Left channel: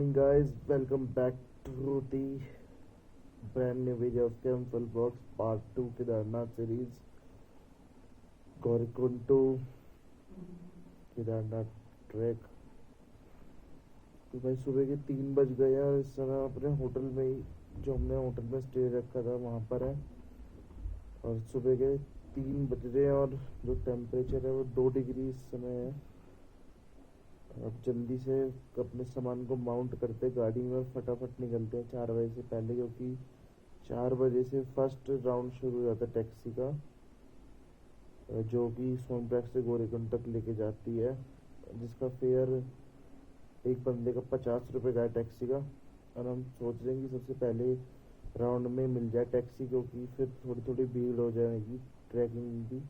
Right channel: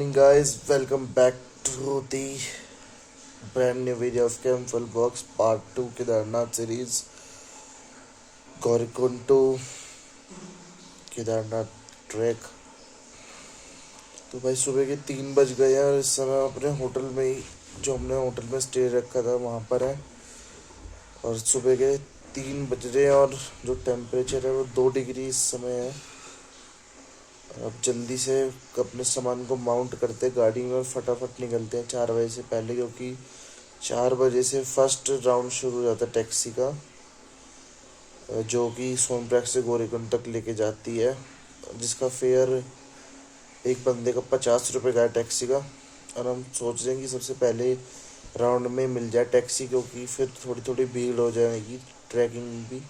morning, guys. Welcome back to the brand new video of Campbell Box Part 2 Kedarnath series. Gaurikund to Kedarnath track. तो भाई सुबह के 3 बज गए हैं और इस समय अपने होटल में ही जो हमने होटल में स्टे रखा था वहाँ पर है। और सुबह के 3 बज रहे हैं और जो टेम्परेचर है वो 2 डिग्री इस समय है। अब जल्दी से अपने सामान को माउंट करते हैं गाड़ी में और फटाफट निकलते हैं 4 बजे से पहले, क्योंकि 4 बजे से फर्स्ट राउंड शुरू हो जाता है टैक्सी का, जो कि सोनप्रयाग से गोरेकुंड तक लेके जाती है, जिसका फेयर एक बंदे का 50 रुपये का है टैक्सी का। और हम सोच रहे हैं कि सबसे पहले राउंड में मिल जाए टैक्सी, क्योंकि फिर थोड़ी थोड़ी भीड़ हो जाएगी ट्रैकिंग में भी।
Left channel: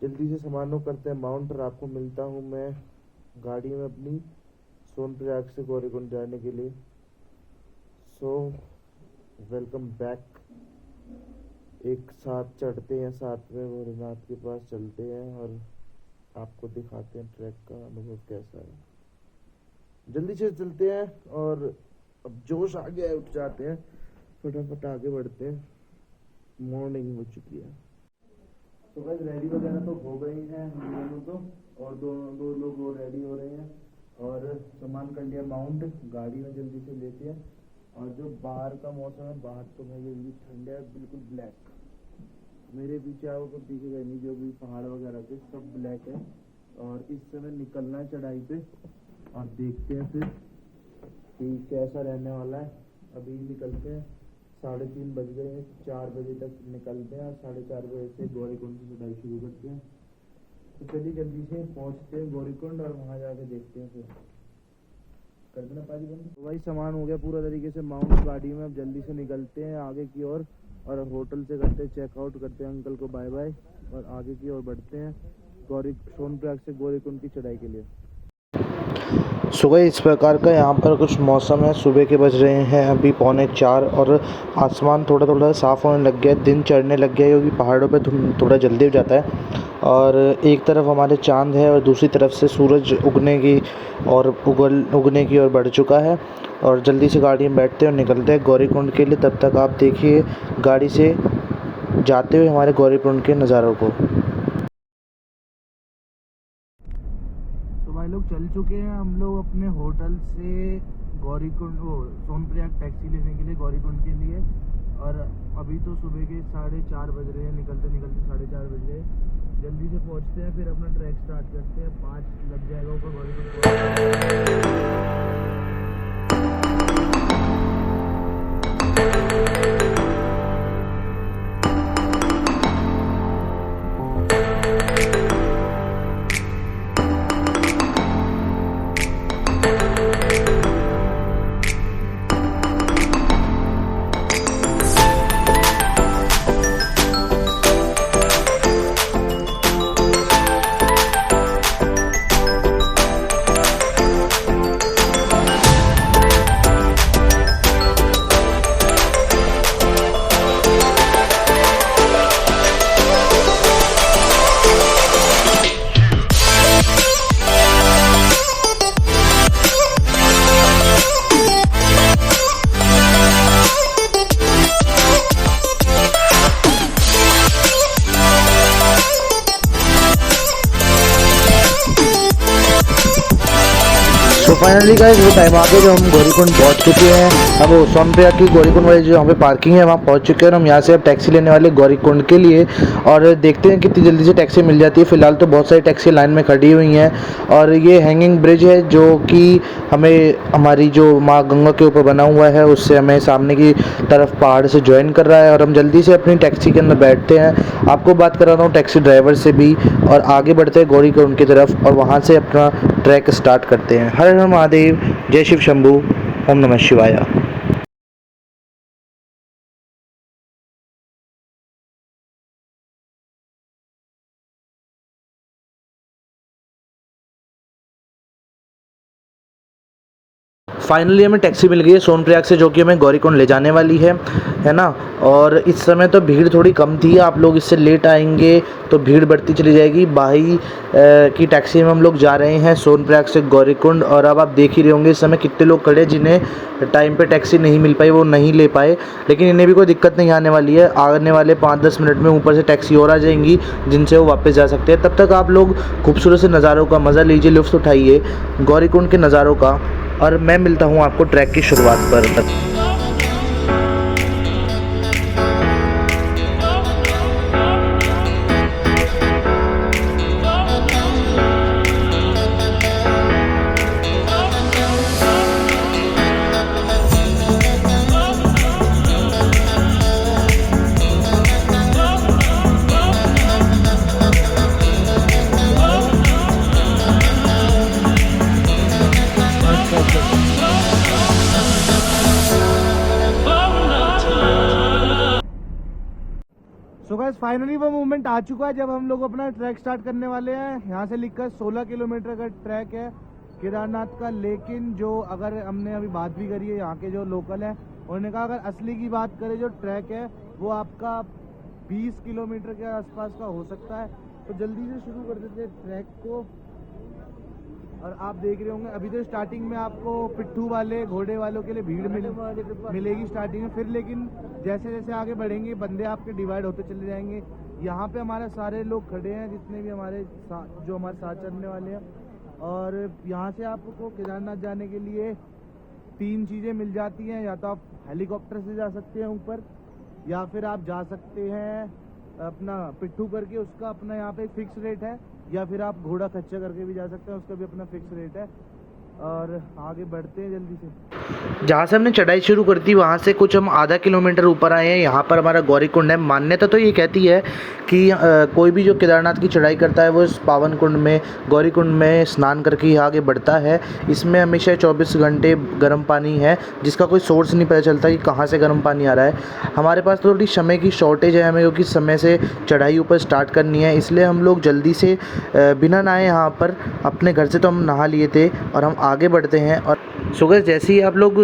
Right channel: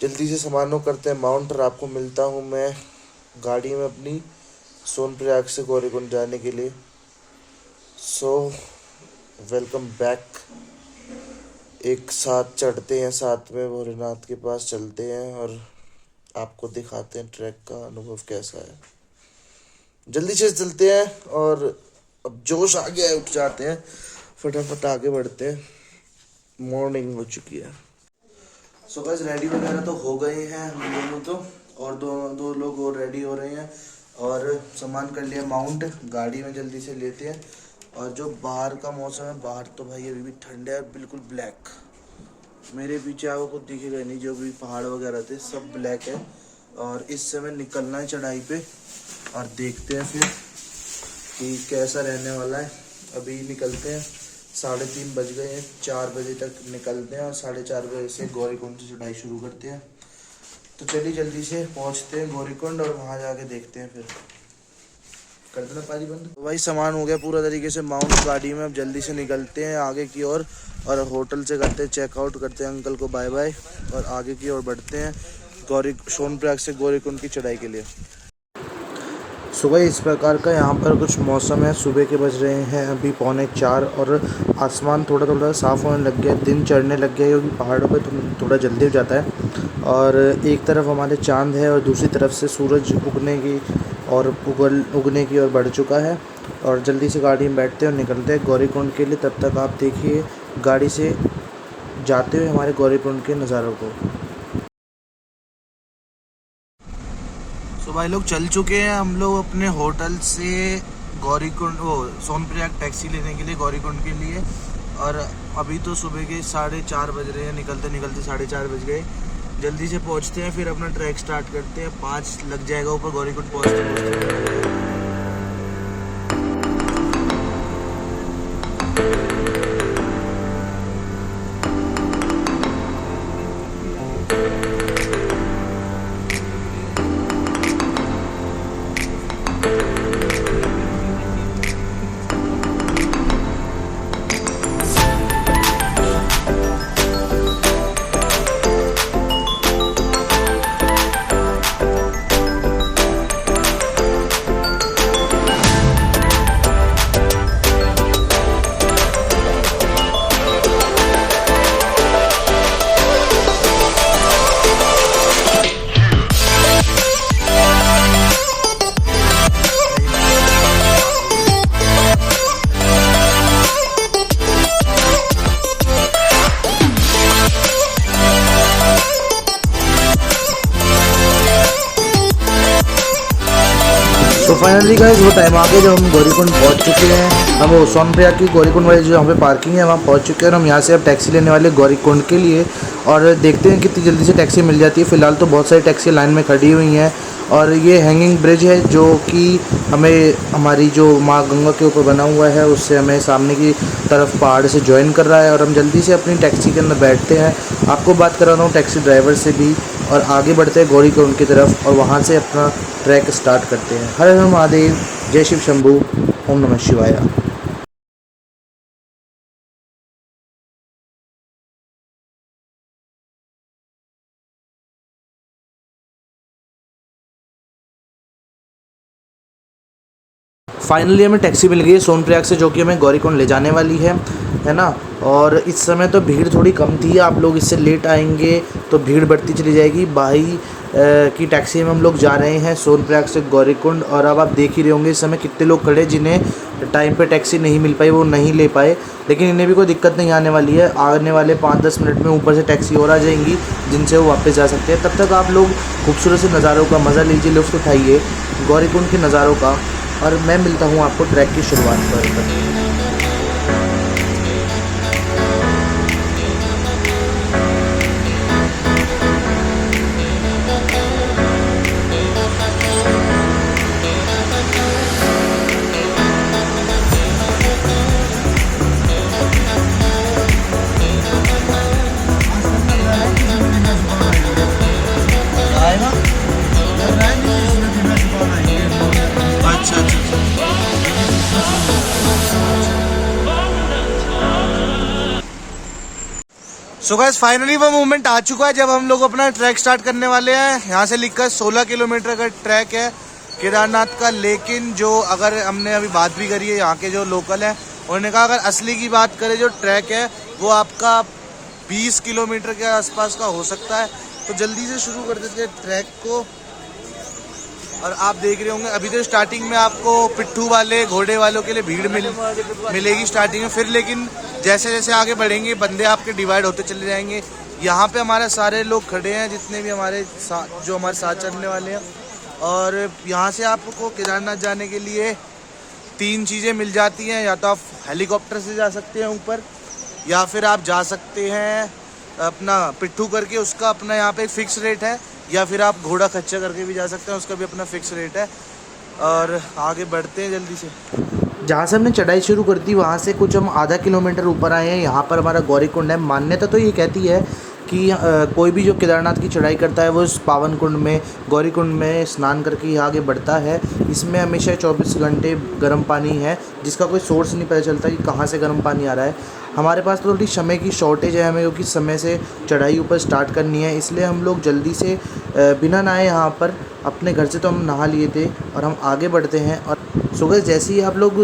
जल्दी से सामानों करते हैं माउंट और आपको मिलता हूँ मैं गाड़ी में अपनी सोनप्रयाग से गौरीकुंड जाने के लिए। So welcome back. एक साथ चढ़ते हैं, साथ में भोलेनाथ के पास चलते हैं और आपको दिखाते हैं ट्रैक का अनुभव कैसा है। जल्दी से चलते हैं और अब जोश आ गया है, उठ जाते हैं, फटाफट आगे बढ़ते हैं। मॉर्निंग हो चुकी है। सो गाइस रेडी वगैरह तो हो गए हैं हम दोनों तो, और दो दो लोग और रेडी हो रहे हैं और सामान कर लिया माउंट, गाड़ी में जल्दी से लेते हैं। और जो बाहर का मौसम है, बाहर तो भाई अभी भी ठंड है, बिल्कुल ब्लैक। मेरे पीछे आपको कुछ दिखेगा नहीं, जो भी पहाड़ वगैरह थे सब ब्लैक है। और इस समय निकलना है चढ़ाई पे और देखते हैं फिर कि कैसा रहने वाला है। अभी निकलते हैं, 3:30 बज गए हैं, 4 बजे तक निकलते हैं और 4:30 बजे से गौरीकुंड से चढ़ाई शुरू करते हैं। तो चलिए जल्दी से पहुंचते हैं गौरीकुंड और वहां जाके देखते हैं। फिर कर देना पाजी बंद। तो भाई सामान हो गया पूरा तरीके से माउंट गाड़ी में, अब जल्दी से निकलते हैं आगे की ओर और होटल से करते हैं चेकआउट, करते हैं अंकल को बाय बाय और आगे की ओर बढ़ते हैं सोनप्रयाग से गौरीकुंड की चढ़ाई के लिए। सुबह इस प्रकार का यहाँ पर कुछ मौसम है। सुबह के बज रहे हैं अभी 3:45 और आसमान थोड़ा थोड़ा साफ़ होने लग गया है, दिन चढ़ने लग गया है, क्योंकि पहाड़ों पे थोड़ा जल्दी हो जाता है। और एक तरफ हमारे चांद है और दूसरी तरफ से सूरज उगने की ओर बढ़ चुका है। और जल्दी से गाड़ी में बैठते हैं और निकलते हैं गौरीकुंड के लिए। तब तक आप देखिए गाड़ी से जाते हुए हमारे गौरीकुंड के नज़ारों को। तो भाई लोग चल चुके हैं हम लोग अपने होटल से गौरीकुंड सोनप्रयाग टैक्सी लेने के लिए गौरीकुंड के लिए। और अभी तो सुबह के 4:30 बज रहे हैं, निकलते निकलते 4:30 बज गए। जल्दी से पहुंचते हैं, फिर अपना ट्रैक स्टार्ट करते हैं। 5 लग जाएगा ऊपर गौरीकुंड पहुंचते। तो फाइनली गाइस वो टाइम आ गया जब हम गौरीकुंड पहुंच चुके हैं। अब वो सोनप्रयाग की गौरीकुंड वाली जो यहाँ पे पार्किंग है वहाँ पहुंच चुके हैं और हम यहाँ से अब टैक्सी लेने वाले गौरीकुंड के लिए। और देखते हैं कितनी जल्दी से टैक्सी मिल जाती है। फ़िलहाल तो बहुत सारी टैक्सी लाइन में खड़ी हुई हैं और ये हैंगिंग ब्रिज है जो कि हमें हमारी जो माँ गंगा के ऊपर बना हुआ है उससे हमें सामने की तरफ पहाड़ से ज्वाइन कर रहा है। और हम जल्दी से अपनी टैक्सी के अंदर बैठते हैं। आपको बात कर रहा हूँ टैक्सी ड्राइवर से भी, और आगे बढ़ते हैं गौरीकुंड की तरफ और वहाँ से अपना ट्रैक स्टार्ट करते हैं। हर हर महादेव, जय शिव शंभू, ओम नमः शिवाय। फाइनली हमें टैक्सी मिल गई है सोनप्रयाग से, जो कि हमें गौरीकुंड ले जाने वाली है ना। और इस समय तो भीड़ थोड़ी कम थी, आप लोग इससे लेट आएंगे तो भीड़ बढ़ती चली जाएगी। भाई की टैक्सी में हम लोग जा रहे हैं सोनप्रयाग से गौरीकुंड। और अब आप देख ही रहे होंगे इस समय कितने लोग खड़े, जिन्हें टाइम पे टैक्सी नहीं मिल पाई, वो नहीं ले पाए। लेकिन इन्हें भी कोई दिक्कत नहीं आने वाली है, आने वाले 5-10 मिनट में ऊपर से टैक्सी और आ जाएंगी जिनसे वो वापस जा सकते हैं। तब तक आप लोग खूबसूरत से नज़ारों का मज़ा लीजिए, लुत्फ़ उठाइए गौरीकुंड के नज़ारों का। और मैं मिलता हूँ आपको ट्रैक की शुरुआत पर। सो गाइस फाइनली वो मोमेंट आ चुका है जब हम लोग अपना ट्रैक स्टार्ट करने वाले हैं। यहाँ से लिखकर 16 किलोमीटर का ट्रैक है केदारनाथ का। लेकिन जो अगर हमने अभी बात भी करी है यहाँ के जो लोकल हैं, उन्होंने कहा अगर असली की बात करें जो ट्रैक है वो आपका 20 किलोमीटर के आसपास का हो सकता है। तो जल्दी से शुरू कर देते हैं ट्रैक को। और आप देख रहे होंगे अभी तो स्टार्टिंग में आपको पिट्ठू वाले घोड़े वालों के लिए भीड़ मिलेगी स्टार्टिंग में, फिर लेकिन जैसे जैसे आगे बढ़ेंगे बंदे आपके डिवाइड होते चले जाएंगे। यहाँ पे हमारे सारे लोग खड़े हैं जितने भी हमारे साथ जो हमारे साथ चलने वाले हैं। और यहाँ से आपको केदारनाथ जाने के लिए 3 चीज़ें मिल जाती हैं, या तो आप हेलीकॉप्टर से जा सकते हैं ऊपर, या फिर आप जा सकते हैं अपना पिट्ठू करके, उसका अपना यहाँ पे एक फ़िक्स रेट है, या फिर आप घोड़ा खच्चर करके भी जा सकते हैं, उसका भी अपना फ़िक्स रेट है। और आगे बढ़ते हैं जल्दी से। जहाँ से हमने चढ़ाई शुरू कर दी वहाँ से कुछ हम आधा किलोमीटर ऊपर आए हैं। यहाँ पर हमारा गौरीकुंड है। मान्यता तो ये कहती है कि कोई भी जो केदारनाथ की चढ़ाई करता है वो इस पावन कुंड में गौरीकुंड में स्नान करके ही आगे बढ़ता है। इसमें हमेशा 24 घंटे गर्म पानी है, जिसका कोई सोर्स नहीं पता चलता कि कहाँ से गर्म पानी आ रहा है। हमारे पास थोड़ी समय की शॉर्टेज है हमें, क्योंकि समय से चढ़ाई ऊपर स्टार्ट करनी है, इसलिए हम लोग जल्दी से बिना नहाए यहाँ पर अपने घर से तो हम नहा लिए थे और हम आगे बढ़ते हैं। और सुबह जैसे ही आप लोग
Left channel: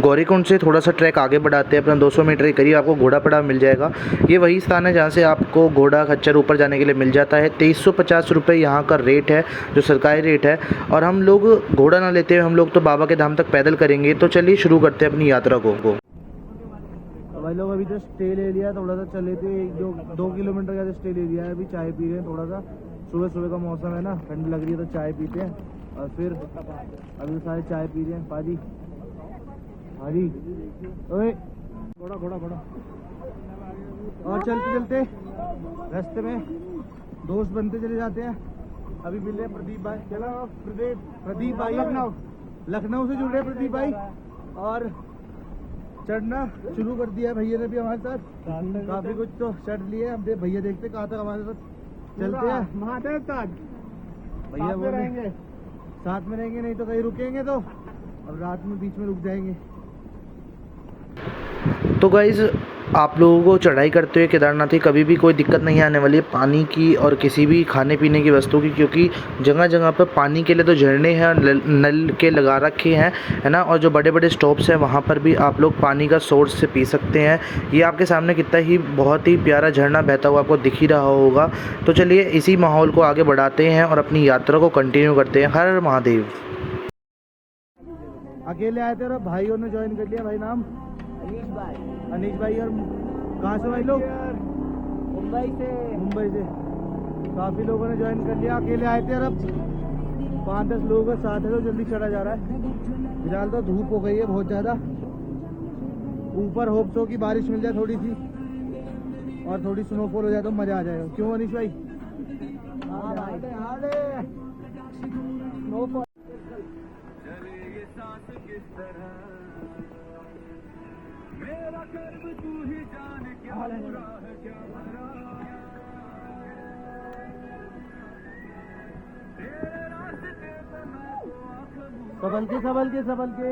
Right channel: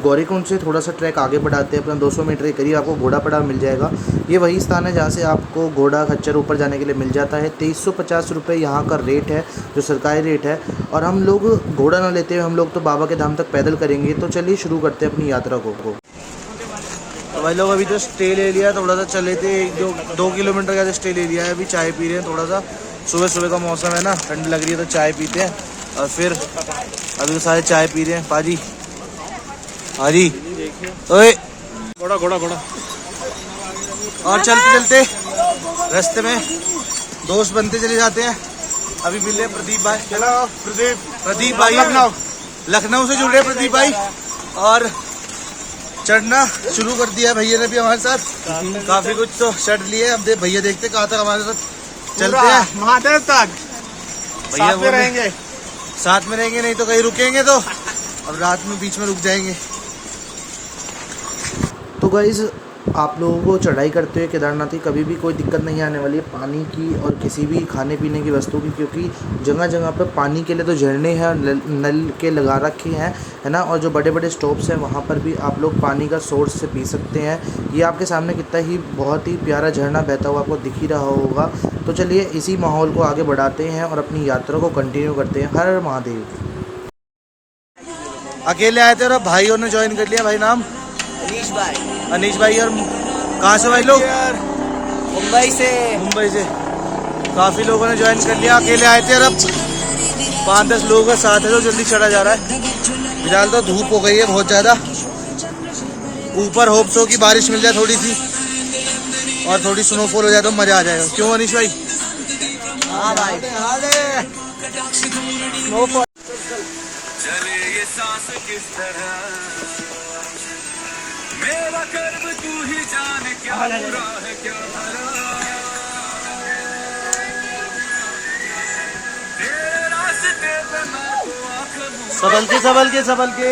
गौरीकुंड से थोड़ा सा ट्रैक आगे बढ़ाते हैं, अपना 200 मीटर के करीब आपको घोड़ा पड़ा मिल जाएगा। ये वही स्थान है जहाँ से आपको घोड़ा खच्चर ऊपर जाने के लिए मिल जाता है। 2350 रुपये यहाँ का रेट है, जो सरकारी रेट है। और हम लोग घोड़ा ना लेते हुए हम लोग तो बाबा के धाम तक पैदल करेंगे। तो चलिए शुरू करते हैं अपनी यात्रा को। तो भाई लोग अभी तो स्टे ले लिया, थोड़ा सा चले थे, 2 किलोमीटर का स्टे ले लिया है। अभी चाय पी रहे हैं थोड़ा सा, सुबह सुबह का मौसम है ना, ठंड लग रही है तो चाय पीते हैं। और फिर अभी तो सारे चाय पी रहे हैं। पाजी हाजी ओए घोड़ा घोड़ा घोड़ा। और चलते चलते रास्ते में दोस्त बनते चले जाते हैं। अभी मिले प्रदीप भाई, प्रदीप भाई लखनऊ से जुड़े प्रदीप भाई, और चढ़ना शुरू कर दिया भैया ने भी हमारे साथ। काफी कुछ तो चढ़ लिए। अब भैया देखते कहाँ तक हमारे साथ चलते हैं। महादेव तक भैया साथ में रहेंगे, नहीं तो कहीं रुकेंगे तो अब रात में बीच में रुक जाएंगे। तो गाइज़ आप लोगों को चढ़ाई करते हुए केदारनाथ की कभी भी कोई दिक्कत नहीं आने वाली है, पानी की और किसी भी खाने पीने की वस्तु की, क्योंकि जगह जगह पर पानी के लिए तो झरने हैं और नल के लगा रखे हैं, है ना। और जो बड़े बड़े स्टॉप्स हैं वहाँ पर भी आप लोग पानी का सोर्स से पी सकते हैं। ये आपके सामने कितना ही बहुत ही प्यारा झरना बहता हुआ आपको दिख ही रहा होगा। तो चलिए इसी माहौल को आगे बढ़ाते हैं और अपनी यात्रा को कंटिन्यू करते हैं। हर हर महादेव। अकेले आए थे और भाइयों ने ज्वाइन कर लिया। भाई नाम अनीश भाई। और कहाँ से भाई लोग? मुंबई से काफी लोगों ने ज्वाइन कर लिया। अकेले आए थे और अब 5-10 लोगों का साथ है तो जल्दी चढ़ा जा रहा है। फिलहाल तो धूप हो गई है बहुत ज्यादा। ऊपर होप्स हो कि बारिश मिल जाए थोड़ी सी और थोड़ी स्नोफॉल हो जाए तो मजा आ जाएगा। क्यों अनीश भाई? हाँ भाई, स्नोफॉल। चले ये सांस किस तरह, मेरा कर्म तू ही जाने, क्या बुरा है क्या भला, तेरे रास्ते पे मैं तो आँख मूंद, सबल के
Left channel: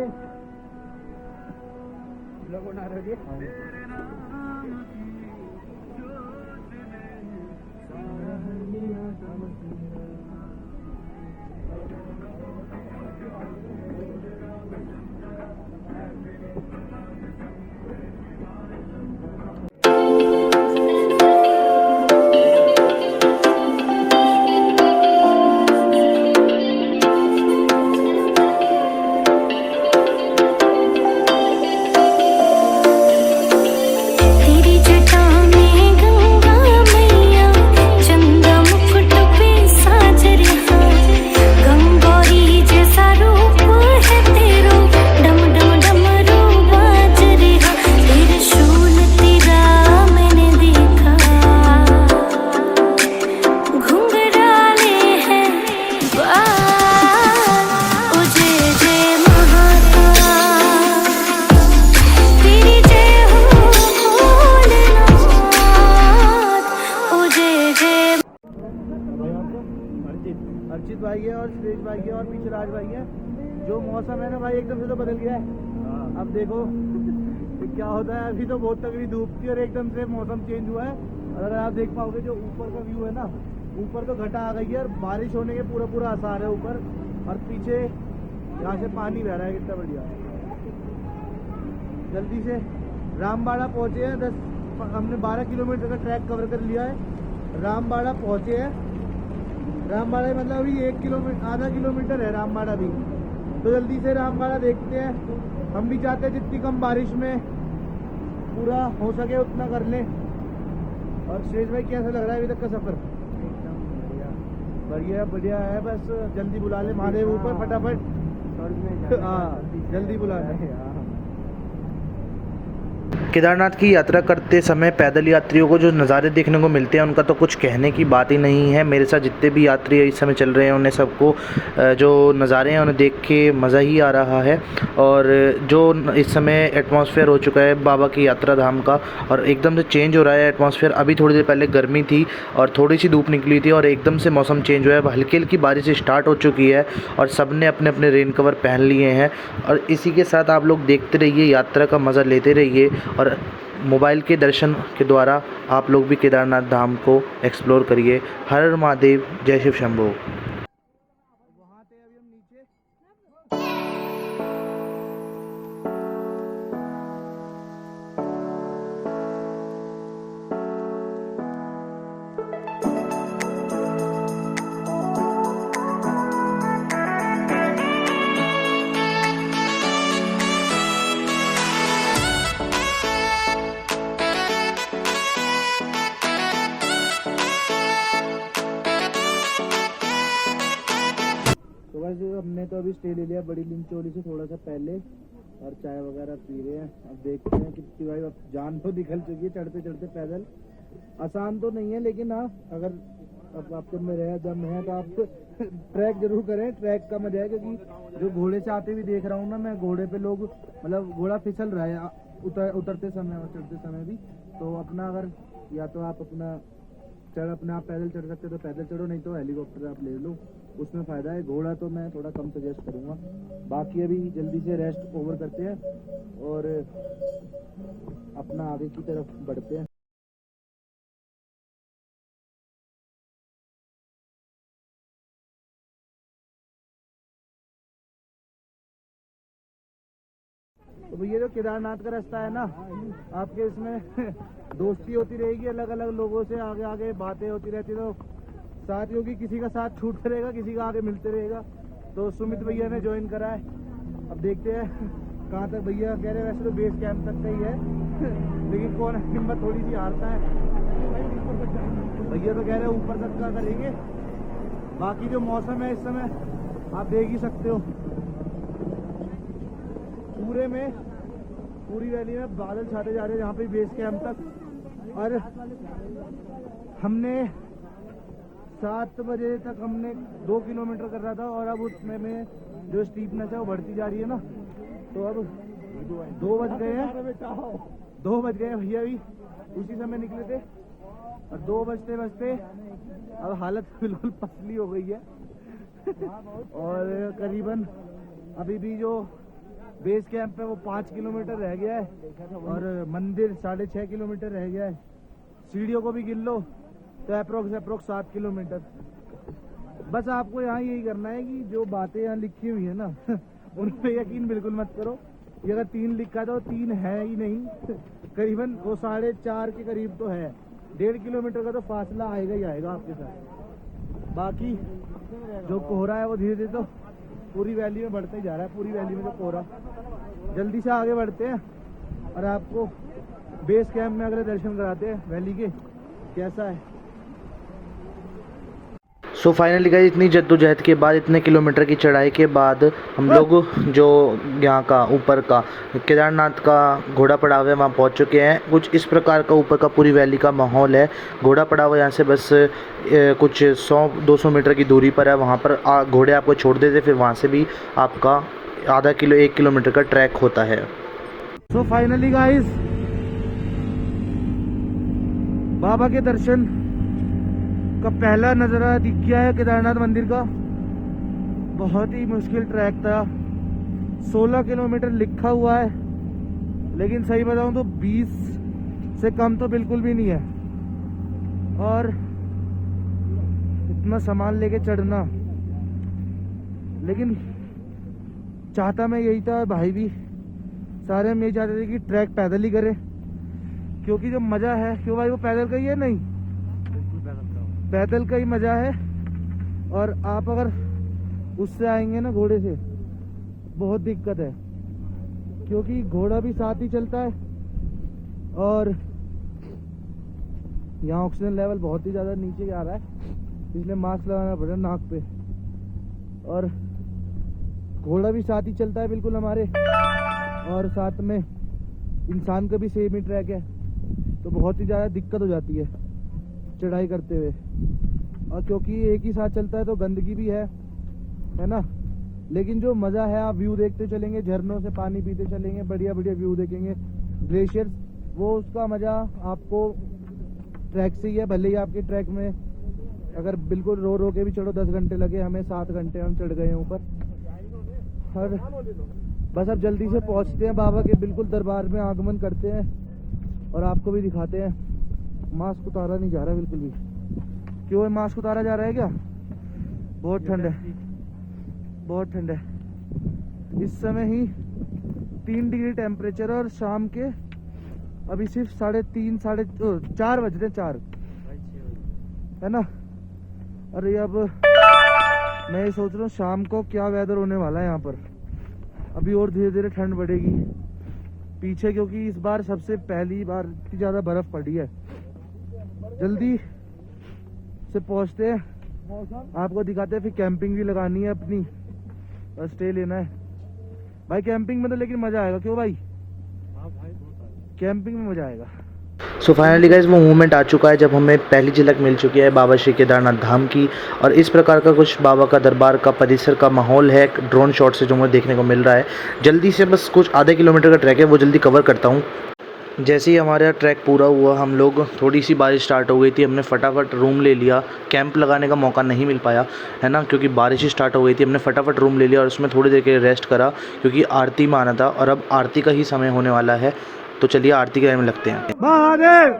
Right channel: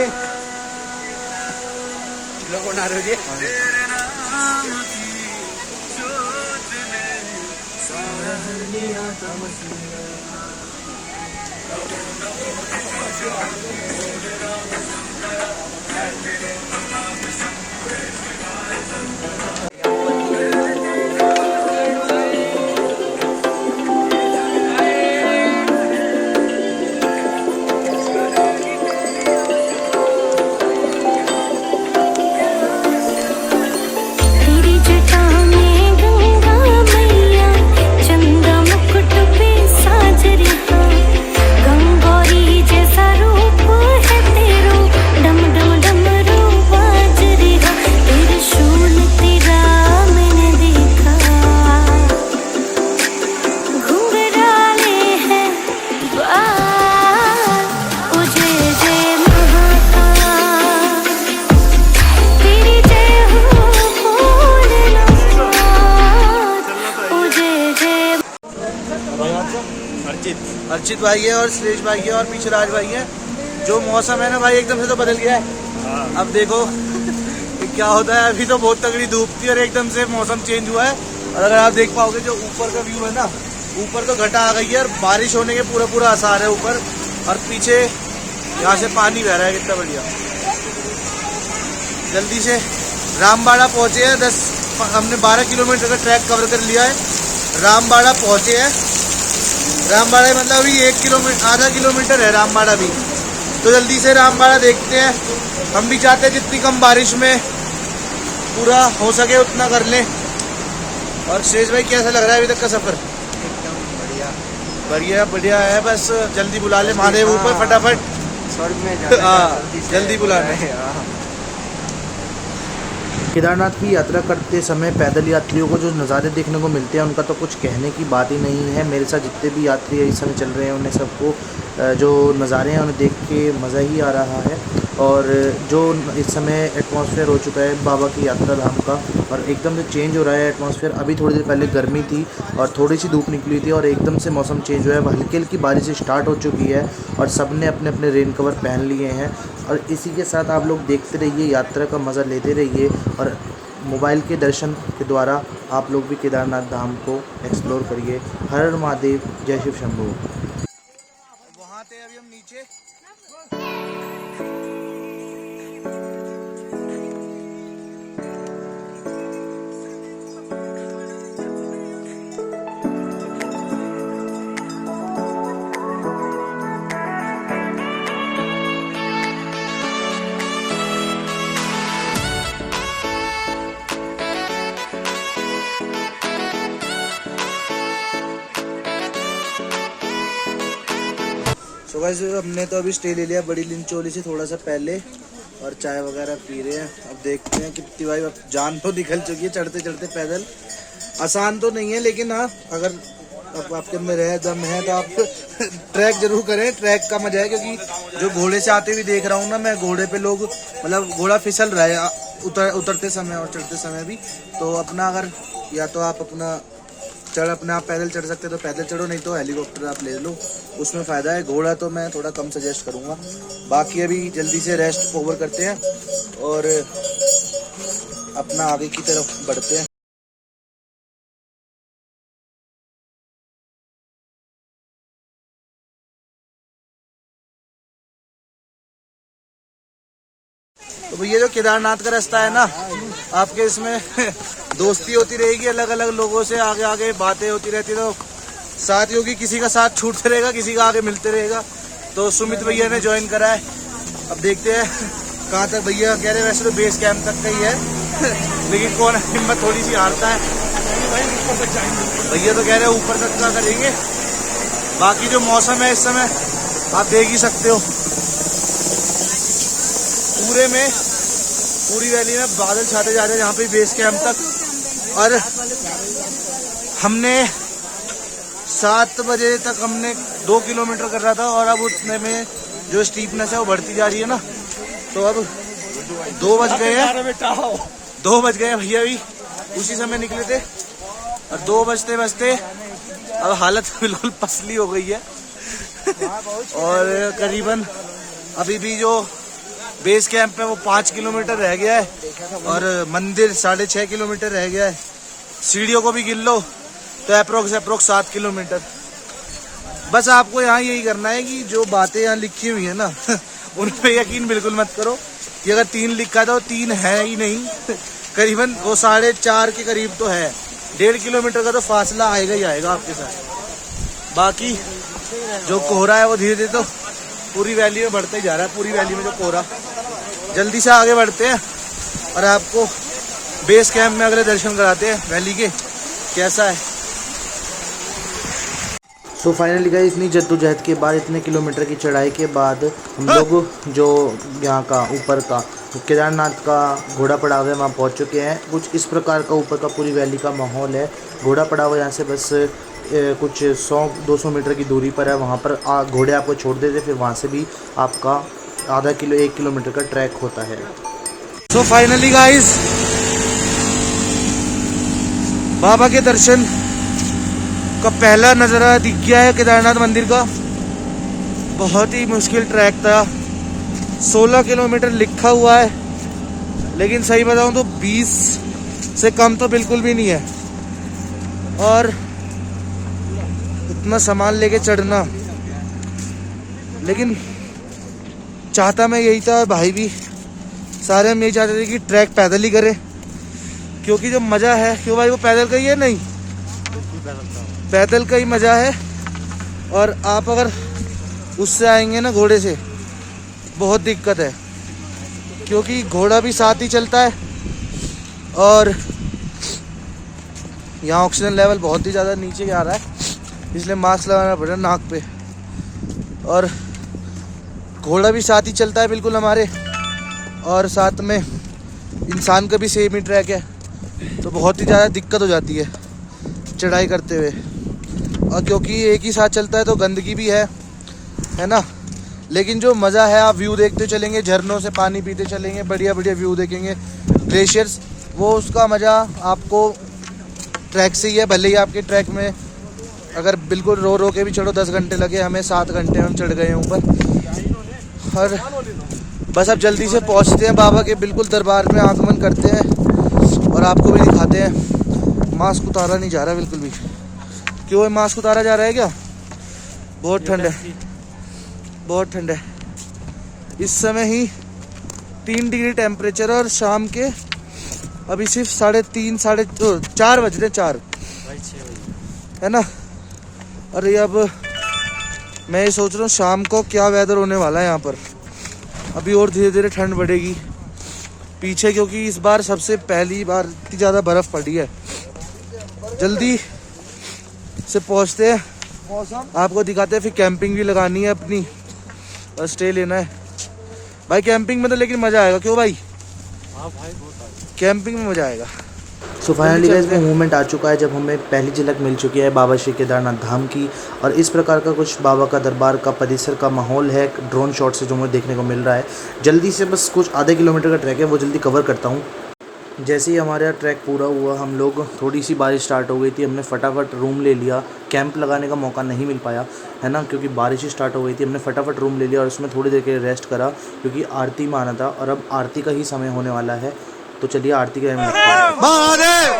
लोगों ना रुके। तेरे नाम की सोचने सारा दुनिया समझ। तेरी जटा में गंगा मैया चंदा मुकुट पे साज रहा गंगौरी जैसा रूप है तेरो डम डम डमरू बाज रहा त्रिशूल तेरा मैंने देखा घुंघराले हैं बाल ओ जय जय महाकाल तेरी जय हो भोलेनाथ ओ जय जय अर्चित भाई है और सुरेश भाई है और पीछे राज भाई है। जो मौसम है ना भाई एकदम से तो बदल गया है। अब देखो कि क्या होता है। अभी तो बहुत तगड़ी धूप थी और एकदम से मौसम चेंज हुआ है। और अगर आप देख पाओगे जो ऊपर का व्यू है ना, ऊपर तो घटा आ गई है और बारिश होने के पूरा आसार है ऊपर। और पीछे यहाँ से पानी बह रहा है, कितना बढ़िया। जल्दी से रामबाड़ा पहुंचे हैं। हमने 12 किलोमीटर का ट्रैक कवर कर लिया है। रामबाड़ा पहुंचे हैं। रामबाड़ा मतलब अभी 1 किलोमीटर, आधा किलोमीटर है रामबाड़ा भी। तो जल्दी से रामबाड़ा देखते हैं। हम भी चाहते हैं जितनी कम बारिश में पूरा हो सके उतना कर लें। और शेष भाई कैसा लग रहा है अभी तक का सफर? बढ़िया बढ़िया है। बस जल्दी बुला ले महादेव ऊपर फटाफट। स्वर्ग में जाना है, हाँ जल्दी बुला ले। केदारनाथ की यात्रा करते समय पैदल यात्रियों को जो नज़ारे देखने को मिलते हैं उनका तो कुछ कहने की बात ही नहीं है। मेरे साथ जितने भी यात्री इस समय चल रहे हैं उन्हें सबको जो नज़ारे हैं उन्हें देख के मज़ा ही आ रहा है। और जो इस समय एटमॉस्फेयर हो चुका है बाबा की यात्रा धाम का, और एकदम से चेंज हो रहा है एटमॉस्फेयर। अभी थोड़ी देर पहले गर्मी थी और थोड़ी सी धूप निकली थी और एकदम से मौसम चेंज हुआ है। हल्की हल्की बारिश स्टार्ट हो चुकी है और सब ने अपने अपने रेन कवर पहन लिए हैं। और इसी के साथ आप लोग देखते रहिए, यात्रा का मज़ा लेते रहिए और मोबाइल के दर्शन के द्वारा आप लोग भी केदारनाथ धाम को एक्सप्लोर करिए। हर हर महादेव, जय शिव शंभो। वहाँ थे अभी हम नीचे। तो गाइस हमने तो अभी स्टे ले लिया बड़ी लिंचोली से थोड़ा सा पहले और चाय वगैरह पी रहे हैं। अब देखते हैं कितनी भाई अब जान तो निकल चुकी है चढ़ते चढ़ते पैदल। आसान तो नहीं है लेकिन हाँ अगर अब आपके अंदर है दम है तो आप ट्रैक जरूर करें। ट्रैक का मजा है क्योंकि जो घोड़े से आते हुए देख रहा हूँ ना मैं, घोड़े पे लोग मतलब घोड़ा फिसल रहा है उतरते समय और चढ़ते समय भी। तो अपना अगर या तो आप अपना अपने आप पैदल चढ़ सकते तो पैदल चढ़ो, नहीं तो हेलीकॉप्टर आप ले लो, उसमें फ़ायदा है। घोड़ा तो मैं थोड़ा कम सजेस्ट करूँगा। बाकी अभी जल्दी से रेस्ट ओवर करते हैं और अपना आगे की तरफ बढ़ते हैं। तो भैया जो केदारनाथ का रास्ता है ना, आपके इसमें दोस्ती होती रहेगी अलग अलग लोगों से, आगे आगे बातें होती रहती, तो साथियों की किसी का साथ छूटते रहेगा, किसी का आगे मिलते रहेगा। तो सुमित भैया ने ज्वाइन करा है। अब देखते हैं कहाँ तक। भैया कह रहे वैसे तो बेस कैंप तक का ही है लेकिन कौन हिम्मत थोड़ी सी हारता है। भैया तो कह रहे ऊपर तक का करेंगे। बाकी जो मौसम है इस समय आप देख ही सकते हो, पूरी वैली में बादल छाते जा रहे हैं यहाँ पे बेस कैंप तक। और हमने 7 बजे तक हमने 2 किलोमीटर कर रहा था और अब उतने में जो स्टीपनेस है वो बढ़ती जा रही है ना, तो अब 2 बज गए हैं। 2 बज गए भैया भी उसी समय निकले थे और 2 बजते बजते अब हालत बिल्कुल पसली हो गई है। और करीबन अभी भी जो बेस कैंप है वो 5 किलोमीटर रह गया है और मंदिर 6.5 किलोमीटर रह गया है। सीढ़ियों को भी गिन लो तो अप्रोक्स 7 किलोमीटर। बस आपको यहाँ यही करना है कि जो बातें यहाँ लिखी हुई है ना उन पे यकीन बिल्कुल मत करो। ये अगर 3 लिखा था वो 3 है ही नहीं, करीबन वो 4.5 के करीब तो है। 1.5 किलोमीटर का तो फासला आएगा ही आएगा आपके साथ। बाकी जो कोहरा है वो धीरे धीरे तो पूरी वैली में बढ़ते ही जा रहा है। पूरी वैली में जो कोहरा, जल्दी से आगे बढ़ते हैं और आपको बेस कैंप में अगले दर्शन कराते हैं वैली के कैसा है। सो फाइनली गाइस, इतनी जद्दोजहद के बाद, इतने किलोमीटर की चढ़ाई के बाद हम लोग जो यहाँ का ऊपर का केदारनाथ का घोड़ा पड़ाव है वहाँ पहुँच चुके हैं। कुछ इस प्रकार का ऊपर का पूरी वैली का माहौल है। घोड़ा पड़ाव यहाँ से बस कुछ 100-200 मीटर की दूरी पर है। वहाँ पर घोड़े आपको छोड़ देते, फिर वहाँ से भी आपका आधा किलो 1 किलोमीटर का ट्रैक होता है। सो फाइनली गाइस, बाबा के दर्शन का पहला नज़ारा दिख गया है केदारनाथ मंदिर का। बहुत ही मुश्किल ट्रैक था, 16 किलोमीटर लिखा हुआ है, लेकिन सही बताऊं तो 20 से कम तो बिल्कुल भी नहीं है। और इतना सामान लेके चढ़ना, लेकिन चाहता मैं यही था, भाई भी सारे हम यही चाहते थे कि ट्रैक पैदल ही करें, क्योंकि जो मज़ा है, क्यों भाई वो पैदल का ही है, नहीं पैदल का ही मज़ा है। और आप अगर उससे आएंगे ना घोड़े से, बहुत दिक्कत है, क्योंकि घोड़ा भी साथ ही चलता है और यहाँ ऑक्सीजन लेवल बहुत ही ज़्यादा नीचे आ रहा है, इसलिए मास्क लगाना पड़ रहा है नाक पे। और घोड़ा भी साथ ही चलता है बिल्कुल हमारे, और साथ में इंसान का भी सेम ही ट्रैक है, तो बहुत ही ज़्यादा दिक्कत हो जाती है चढ़ाई करते हुए। और क्योंकि एक ही साथ चलता है तो गंदगी भी है ना। लेकिन जो मज़ा है, आप व्यू देखते चलेंगे, झरनों से पानी पीते चलेंगे, बढ़िया बढ़िया व्यू देखेंगे, ग्लेशियर्स, वो उसका मज़ा आपको ट्रैक से ही है। भले ही आपके ट्रैक में अगर बिल्कुल रो रो के भी चढ़ो 10 घंटे लगे, हमें 7 घंटे में हम चढ़ गए हैं ऊपर। और बस अब जल्दी से पहुंचते हैं बाबा के बिल्कुल दरबार में, आगमन करते हैं और आपको भी दिखाते हैं। मास्क उतारा नहीं जा रहा बिल्कुल भी। क्यों है मास्क उतारा जा रहा है क्या? बहुत ठंड है, बहुत ठंड है। इस समय ही 3 डिग्री टेम्परेचर, और शाम के अभी सिर्फ 4 बज रहे, 4 है ना। अरे अब मैं ये सोच रहा हूँ शाम को क्या वेदर होने वाला है यहाँ पर। अभी और धीरे धीरे ठंड बढ़ेगी पीछे, क्योंकि इस बार सबसे पहली बार इतनी ज़्यादा बर्फ़ पड़ी है। जल्दी से पहुँचते हैं, आपको दिखाते हैं, फिर कैंपिंग भी लगानी है अपनी और स्टे लेना है भाई। कैंपिंग में तो लेकिन मज़ा आएगा, क्यों भाई? कैंपिंग में मज़ा आएगा। सो फाइनली गाइस, वो मोमेंट आ चुका है जब हमें पहली झलक मिल चुकी है बाबा श्री केदारनाथ धाम की। और इस प्रकार का कुछ बाबा का दरबार का परिसर का माहौल है ड्रोन शॉट से जो मुझे देखने को मिल रहा है। जल्दी से बस कुछ आधे किलोमीटर का ट्रैक है, वो जल्दी कवर करता हूँ। जैसे ही हमारा ट्रैक पूरा हुआ, हम लोग, थोड़ी सी बारिश स्टार्ट हो गई थी, हमने फटाफट रूम ले लिया। कैंप लगाने का मौका नहीं मिल पाया है ना, क्योंकि बारिश ही स्टार्ट हो गई थी। हमने फटाफट रूम ले लिया और उसमें थोड़ी देर के लिए रेस्ट करा, क्योंकि आरती में आना था और अब आरती का ही समय होने वाला है। तो चलिए आरती के टाइम में लगते हैं। महादेव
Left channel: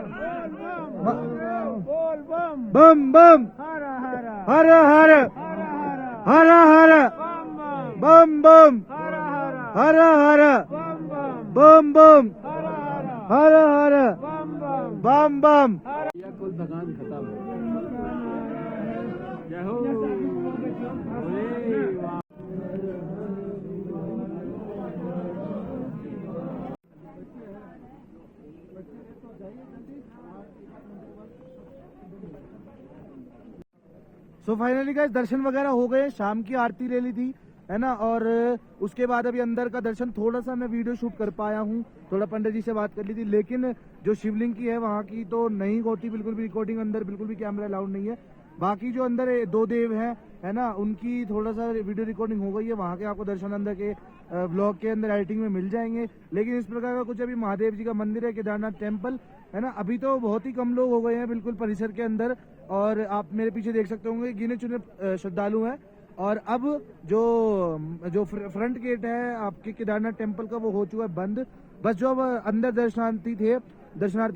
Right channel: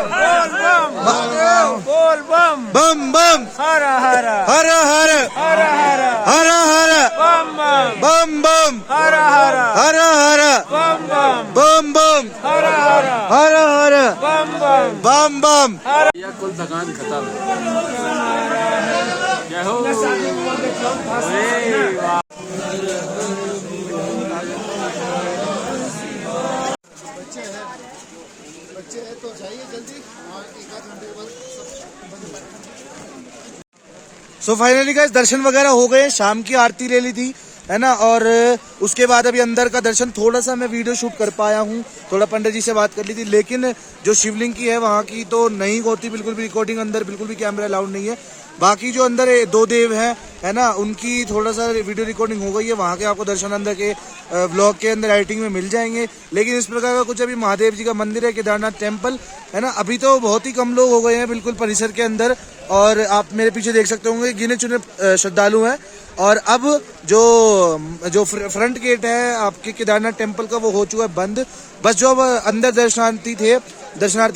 बोल बम बम बम, हर हर हर हर हर हर हर हर बम बम बम बम, हर हर हर हर बम बम बम बम, हर हर हर हर बम बम बम बम। या कुल थकान खत्म। जय हो। सो फाइनली गाइस, दर्शन वगैरह हो गए, शाम की आरती ले ली थी है ना। और उसके बाद अभी अंदर का दर्शन, थोड़ा सा मैं वीडियो शूट कर पाया हूँ, थोड़ा पंडित जी से बात कर ली थी। लेकिन जो शिवलिंग की है वहाँ की तो नहीं होती बिल्कुल भी रिकॉर्डिंग, अंदर बिल्कुल भी कैमरा अलाउड नहीं है। बाकी जो अंदर 2 देव हैं है ना, उनकी थोड़ा सा वीडियो रिकॉर्डिंग हो गई है। वहाँ के आपको दर्शन अंदर के व्लॉग के अंदर एडिटिंग में मिल जाएंगे। लेकिन इस प्रकार का कुछ अभी महादेव जी का मंदिर है, केदारनाथ टेम्पल है ना। अभी तो बहुत ही कम लोग हो गए हैं बिल्कुल परिसर के अंदर, और आप मेरे पीछे देख सकते होंगे गिने चुने श्रद्धालु हैं। और अब जो फ्रंट गेट है आपके केदारनाथ टेम्पल का, वो हो चुका है बंद। बस जो अब अंदर दर्शनार्थी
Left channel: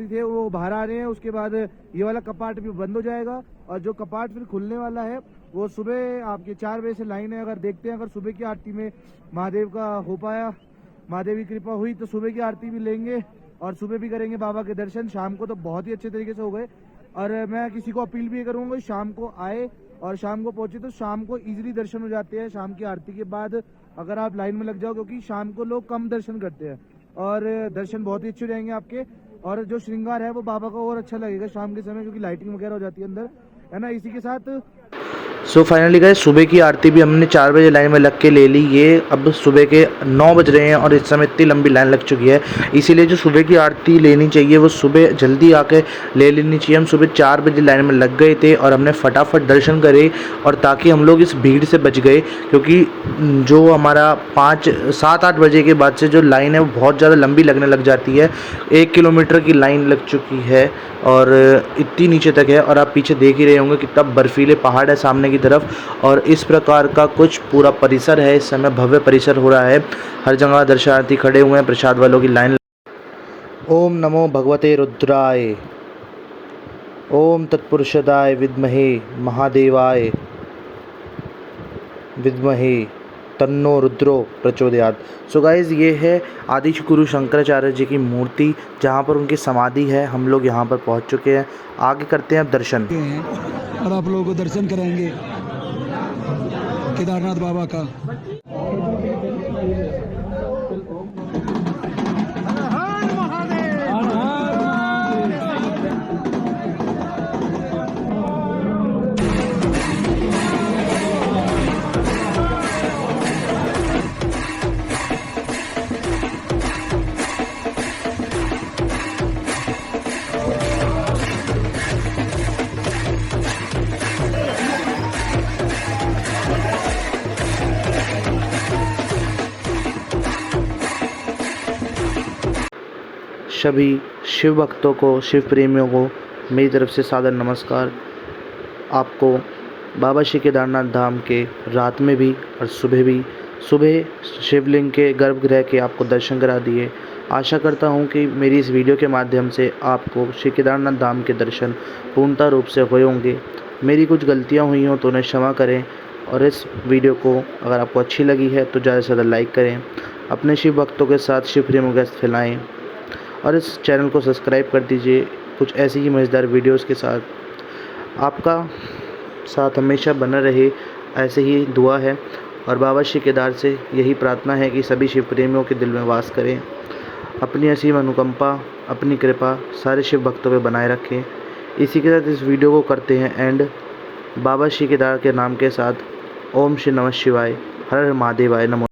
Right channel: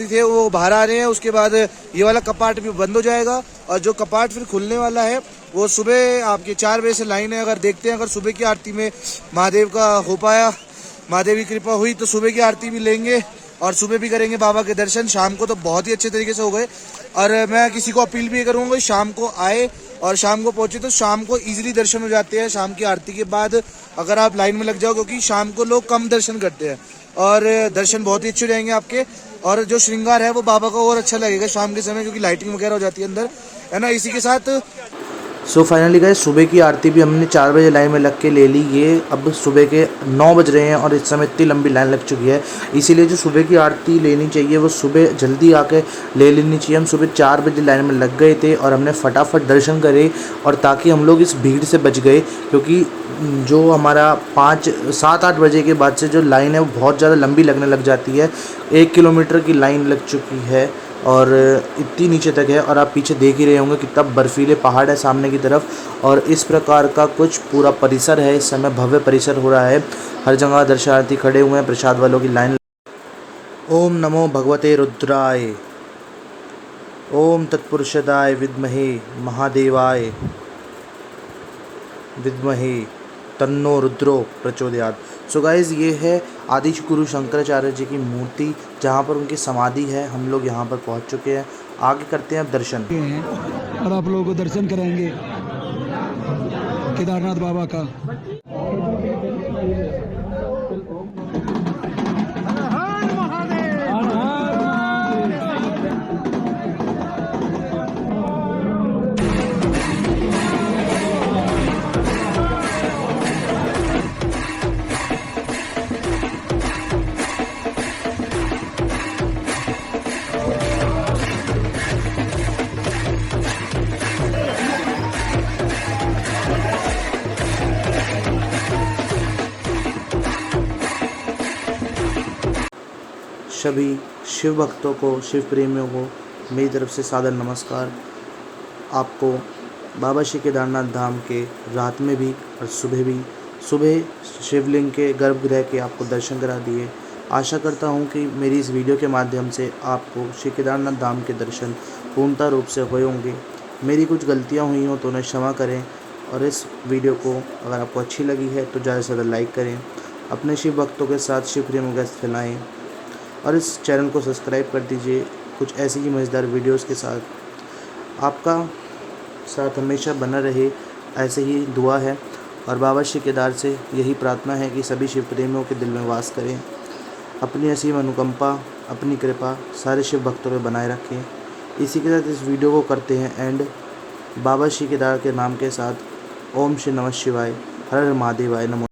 थे वो बाहर आ रहे हैं। उसके बाद ये वाला कपाट भी बंद हो जाएगा, और जो कपाट फिर खुलने वाला है वो सुबह आपके 4 बजे से लाइन है। अगर देखते हैं, अगर सुबह की आरती में महादेव का हो पाया, महादेव की कृपा हुई तो सुबह की आरती भी लेंगे और सुबह भी करेंगे बाबा के दर्शन। शाम को तो बहुत ही अच्छे तरीके से हो गए। और मैं किसी को अपील भी करूँगा शाम को आए और शाम को पहुँचे, तो शाम को इजीली दर्शन हो जाते हैं शाम की आरती के बाद, अगर आप लाइन में लग जाओ, क्योंकि शाम को लोग कम दर्शन करते हैं और दर्शन बहुत ही अच्छे रहेंगे आपके। और जो श्रृंगार है वो बाबा का और अच्छा लगेगा शाम के समय, क्योंकि लाइटिंग वगैरह हो जाती है अंदर, है ना। इसी के साथ सो फाइनली गाइस, सुबह की आरती भी हमने 4 बजे लाइन में लग के ले ली। ये अब सुबह के 9 बज रहे हैं और इस समय इतनी लंबी लाइन लग चुकी है। इसीलिए जो सुबह की आरती लेनी चाहिए वो सुबह जल्दी आके ले लेनी चाहिए। हम सुबह 4 बजे लाइन में लग गए थे और हमने फटाफट दर्शन करे, और ताकि हम लोग इस भीड़ से बच गए, क्योंकि जो हमारा 7-8 बजे के बाद से जो लाइन है वो बहुत ज़्यादा लंबी लगने लग जाती है। 1 किलोमीटर की लाइन लग चुकी है और इतनी नीचे तक है। और आप पीछे देख ही रहे होंगे कितना बर्फीले पहाड़ है सामने की तरफ, और इस प्रकार का कुछ पूरा परिसर है। इस समय भव्य परिसर हो रहा है, हर जगह दर्शनार्थी खड़े हुए हैं, प्रसाद वालों की लाइन। ओम नमो भगवते रुद्राय, ओम तत्पुरुषदाय विद्महे महादेवाय विद्महे तन्नो रुद्रो प्रचोदयात्। सो गाइज़, ये है आदि गुरु शंकराचार्य जी की मूर्ति, जहाँ पर उनकी समाधि है। हम लोग यहाँ पर पहुँच चुके हैं, आगे करते हैं अब दर्शन। और आप लोगों को दर्शन कराएंगे केदारनाथ बाबा का। सभी शिव भक्तों को, शिव प्रेमियों को मेरी तरफ से सादर नमस्कार। आपको बाबा श्री केदारनाथ धाम के रात में भी और सुबह भी, सुबह शिवलिंग के गर्भगृह के आपको दर्शन करा दिए। आशा करता हूँ कि मेरी इस वीडियो के माध्यम से आपको श्री केदारनाथ धाम के दर्शन पूर्णतः रूप से हुए होंगे। मेरी कुछ गलतियाँ हुई हों तो उन्हें क्षमा करें, और इस वीडियो को अगर आपको अच्छी लगी है तो ज़्यादा से ज़्यादा लाइक करें, अपने शिव भक्तों के साथ शिव प्रेमियों के साथ फैलाएँ, और इस चैनल को सब्सक्राइब कर दीजिए कुछ ऐसी ही मज़ेदार वीडियोस के साथ। आपका साथ हमेशा बना रहे, ऐसे ही दुआ है। और बाबा श्री केदार से यही प्रार्थना है कि सभी शिव प्रेमियों के दिल में वास करें, अपनी असीम अनुकंपा, अपनी कृपा सारे शिव भक्तों पे बनाए रखें। इसी के साथ इस वीडियो को करते हैं एंड बाबा श्री केदार के नाम के साथ। ओम श्री नमः शिवाय, हर हर महादेवाय नमो।